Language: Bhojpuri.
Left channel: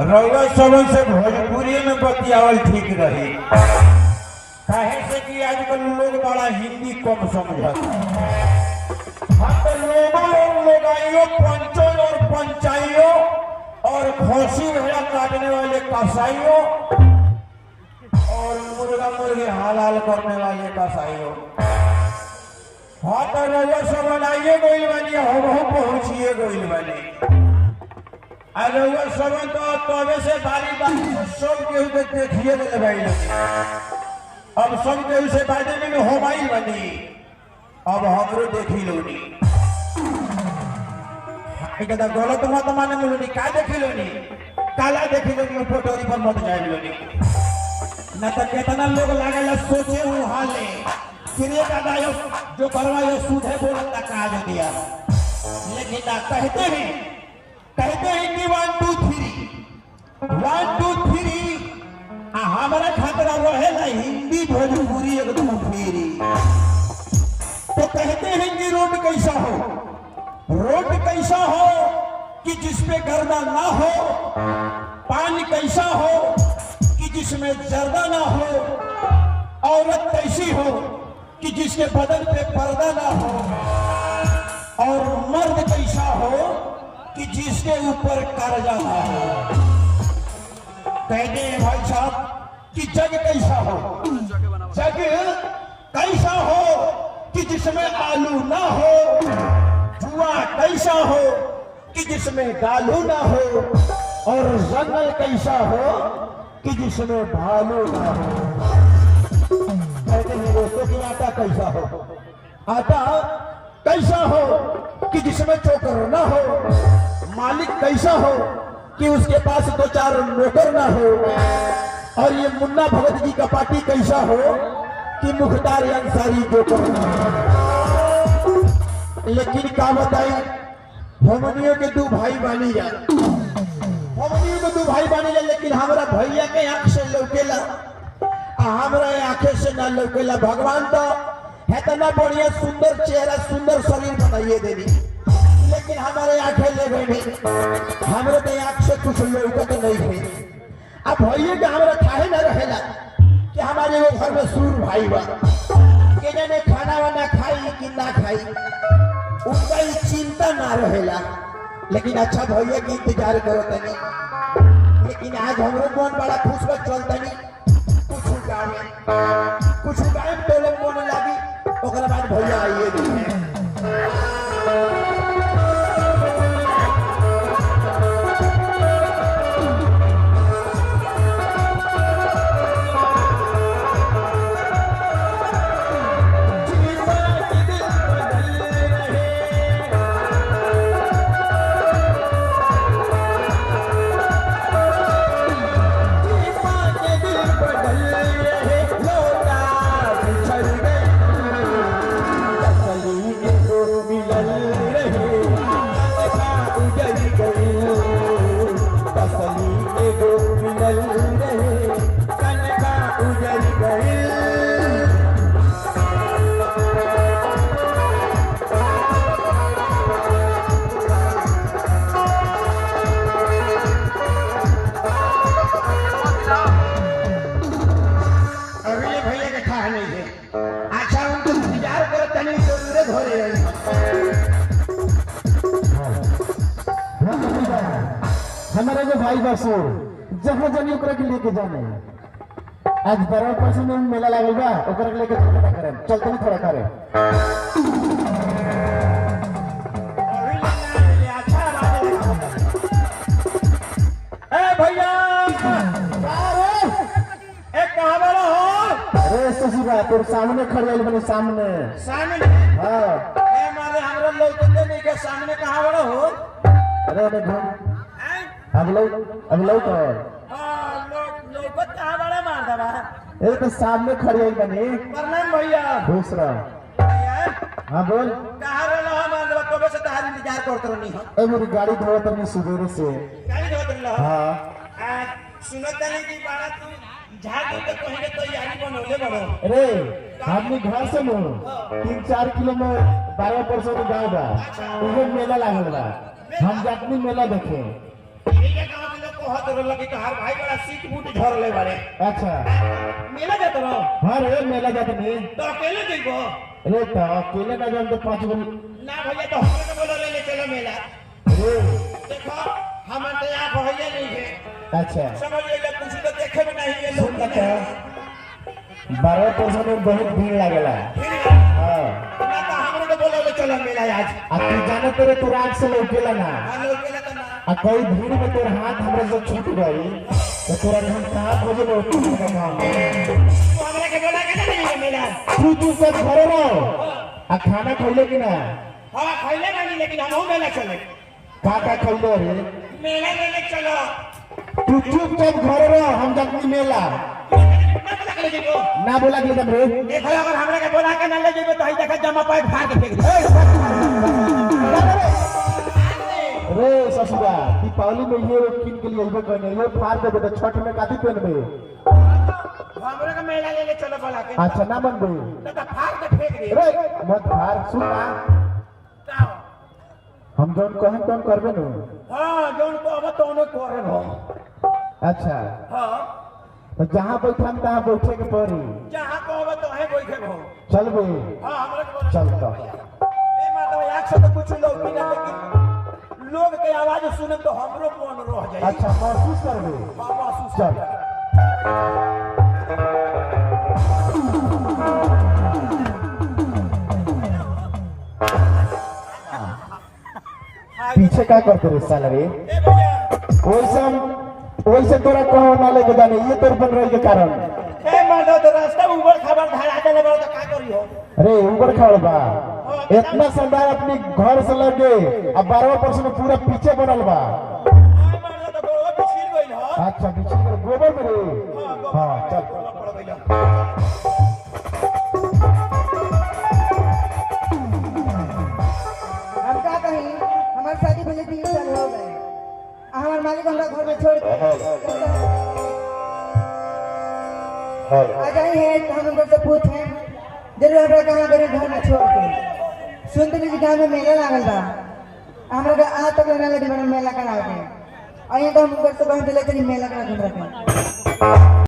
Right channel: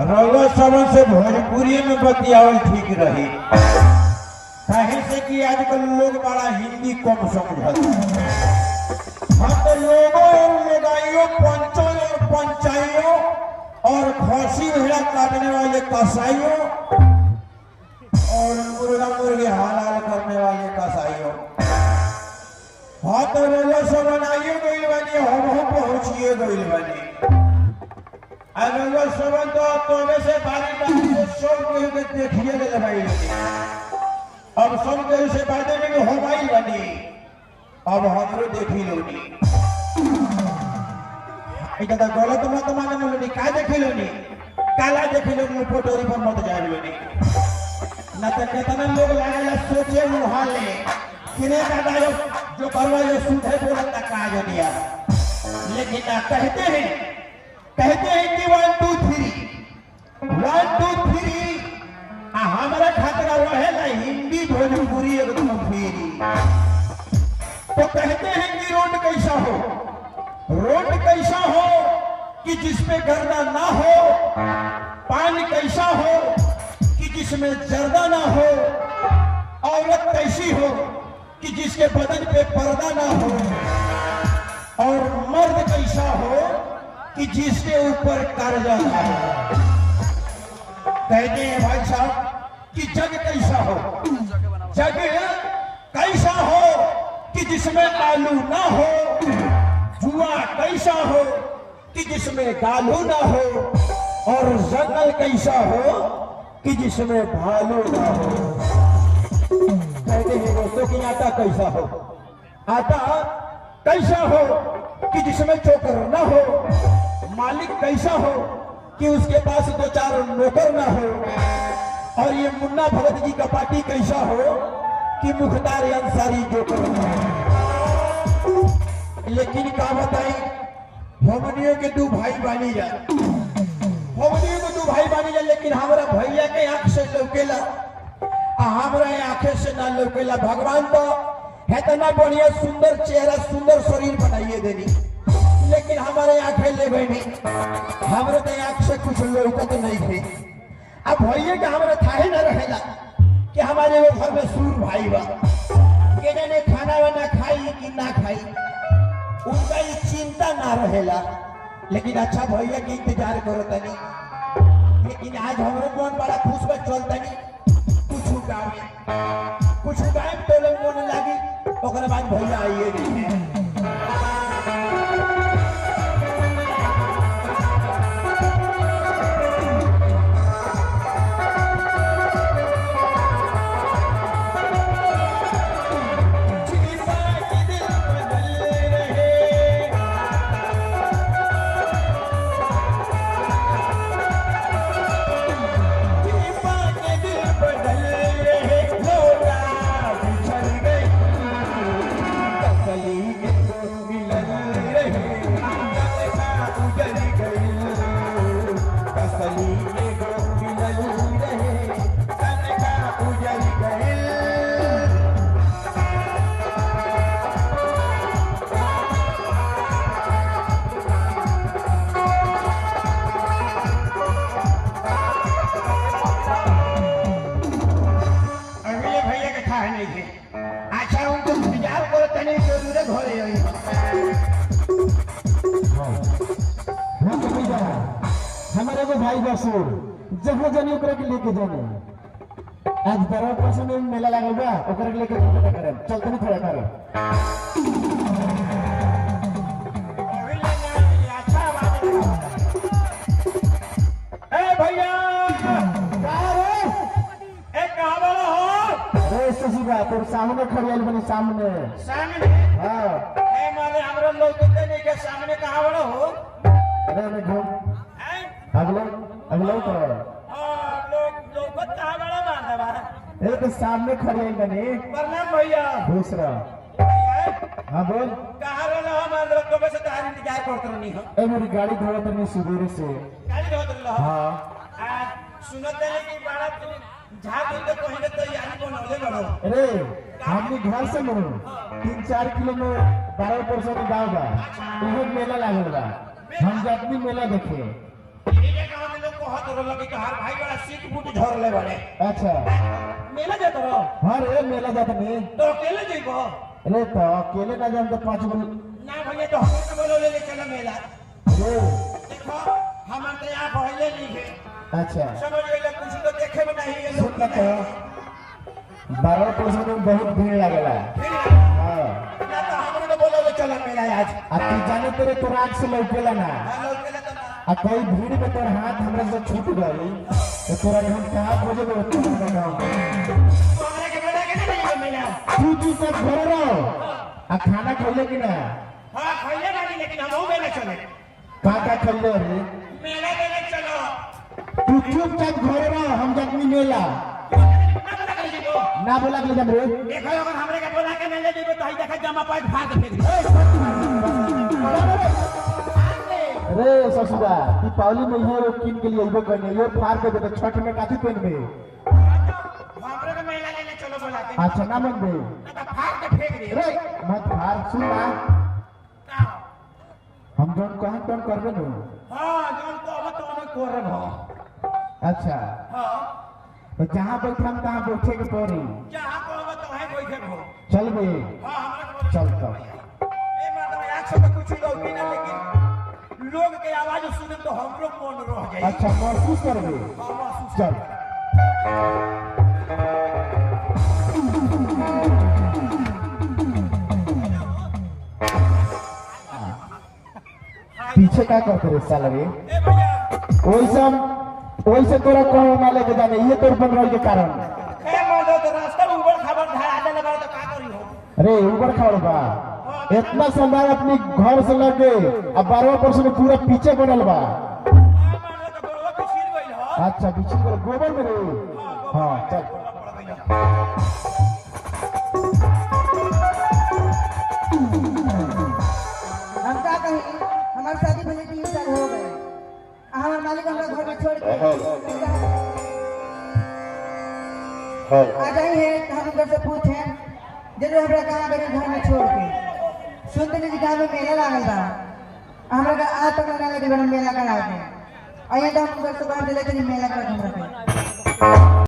रउआ सबन से भोजपुरी में बतियावल ठीक रही, काहे से कि आजकल लोग बड़ा हिंदी कम समझत। हाँ तो लोगों और लोगाइयों, पंचों और पंचाइयों और खसी भेड़ा काटने वाले कसाइयों और मुर्गा मुर्गी हलाल करने वाले कसाइयों, हाँ तो रउआ सबन आइए गइल बनी, हम पहुंचिए गइल बनी। रउआ सबन तो तबे से बारी बारी से सब केहू के देखिए गए भाई, अब सब केहू से बाजे में हो माई बनी, अब हमरो देखी लोनी कहता गलत मत माने लोनी, का देखी लोनी, काला देखी लोनी, पोटोरी पर मत जाए लोनी, न तो कितना लोग लागेला सोचे हाले किने दादा जो करवा जो सूझे बोलता का जो दिया, लेकिन कहते हैं कि 1 2 3 1 2 3 हमारे खातिर रहेला हिंदी भोजपुरी एकदम फ्री। तो कहते हैं कि रोड कैसा हो, रोड कैसा हो कि जिसपे गर्दा ना हो, पानी कैसा हो कि जिसमें जर्दा ना हो, औरत कैसी हो कि जिसके बदन पे पर्दा ना हो, और मर्द कैसा हो कि जिसके ऊपर कर्जा ना हो। कहते हैं भाई साहब कि जग कैसा हो, जग कैसा हो कि जिसमें आलू ना हो, जुआ कैसा हो कि जिसमें गालू ना हो, और जंगल कैसा हो कि जिसमें भालू ना हो। कहते हैं दोस्तों कि आटा कैसा हो, आटा कैसा हो कि जिसमें चोकर ना हो, मालिक कैसा हो कि उसके पास 2-4 नौकर ना हो, और ये मुन्ना भगत जी का पार्टी कैसा हो कि मुख्तार अंसारी जोकर ना हो। लेकिन क्या बताई, भवनियों के 2 भाई बानी जा, भवनियों के 2 भाई बानी जा, लेकिन हमारा भैया के आंख से लौकेला, हमारा आंखें से ना लौकेला। भगवान तो है तो ना बढ़िया सुंदर चेहरा सुंदर शरीर बनाइए देनी, लेकिन हमारे आंखें ले गए नहीं, हमारे तो आंख से कुछ लोग तो नहीं हुई। अब भैया का हमारा थाहे ना रहेला कि हमारे वो घर में सूर भाई बा के जाने खाना वाना खाई कि ना खाई, उनका ये चिंता ना रहेला। लेकिन अच्छा भैया की इंतजार करो तनी, लेकिन आज हमरो कौन बड़ा खुश बा चल तनी कुछ गाय टोले मोने लागी, ओकरा बाद भैया आइए। हमारे जो भाई बसो जहाँ जनी ओकरा के लेके जाने, आज 12% में मेला लागल बा, ओकरा के लेके जाने करे, चल तनी थोड़ा करे। ए भैया ए कहां वाला हो? अरे ससुरा तोर सामने खड़े बनी, सामने सामने। हां ए मारे हमरा लोग नहीं के सामने कहां वाला हो? अरे अरे घूम अगले तो हां लोग कहां वाला मार दबा। ए तो सामने खड़े बनी। प्रणाम भैया। दूसरा हाँ बोल। कहां वाला हमार लोग कबे से तहार इंतजार करत रहनी हो। ए मेरी गाड़ी धोवत रहनी सुबेरे से। गाड़ी धोवत रहलो? हां सुनत रही कि बड़ा तू झाड़ के पहले तो यारी बनोले बड़ो। अरे हमनी घर से लो 3-4 किलोमीटर 12% के गाँव बा, उधर मेला लागल बा, हम जातनी मेला देखे। कहत रहल कि हर भाई बड़ा सीट बूट झरले बारे अच्छा मेला जात रहो हाँ रे मेला जाते नहीं तो अकेले जइबो अरे तो अकेले का जब तो 5 गो ना भैया तो हम के बोले ले चलो मेला अरे देखो हम तो यहाँ भइले नहीं है अच्छा समझिए कुछ तो देखे में नहीं है सुन लोग का 12% में बहुत भीड़ लागेला हाँ ना तो हम के बोले ले चलो मेला आज आ तू जाना तेरे तोर आँख से लौकेला ना हेलो केला तो आ कोई भीड़ में तोर हाथ हमरे से छूट गई तो तोरा हम कहाँ खोजे लो हमरे के बोला के नहीं मेला तू सब घरे रहो आ खाना खइले कि ना हां खइले नहीं लेकिन हम मेला चले का खइले रे मेला में चलो तू चुपचाप घरे रहो हम जाती मेला ना बोला कि रे देखो अगर हमरा के बोला के ना ले जेबे तो हई देखा जमा पैक फाड़ के फेंक दे रे ससुरा दीपावली में ये किन के लिए इबे करने ये फाड़ के दे छठ में काती पहनबे हमरा के मेला ले चलो बोला के अच्छा ना मन बे तो फाड़ के फेंक दे रे मत फाड़ सुन ना हम जोन कहन तोन करबे न हां जोन को अब तोने कर रहो अच्छा हां तो जहां बैठे हम तहां बैठे के पड़ी जहां को अब तो है बैठे हो चल बे हां हमरा के चल तो ए मतलब एक से तो कुछ लोग भी ना लेकिन लोग के आवाज सुने तो हमरो मन रह जाई अच्छा महसूस करबे हां महसूस चल पीछे का करते रे साला रे ए भैया वैसे तोरा कहो ना लेके जाने ये तोर बन रही के कारण ए मर्द तो रास्ता में ऊपर खबर धरा देले बड़ा तो का करी हो अरे ऊपर खड़ बा इतना सामान अपनी घर से लगे अब 12% पूरा पीछे बनल बा मर्द तो गोबर पे छिल गइल हो अच्छा पीछे कर गोबर में रे हाँ चल हम क्या कहीं हमारी शादी पहले 3 साल हो गए हमारे मालिक हमरा घर में छोड़ के आ जाई है हम उनसे से पूछे जरूर हमरा कहाँ गए घर में छोड़ के सुनते नहीं कि गाँव में मेला लागल बा हमरा का आज तक ना लगी मेला करा के आइए तो हम घर से बाहर ले चली मेला करा के हमरा के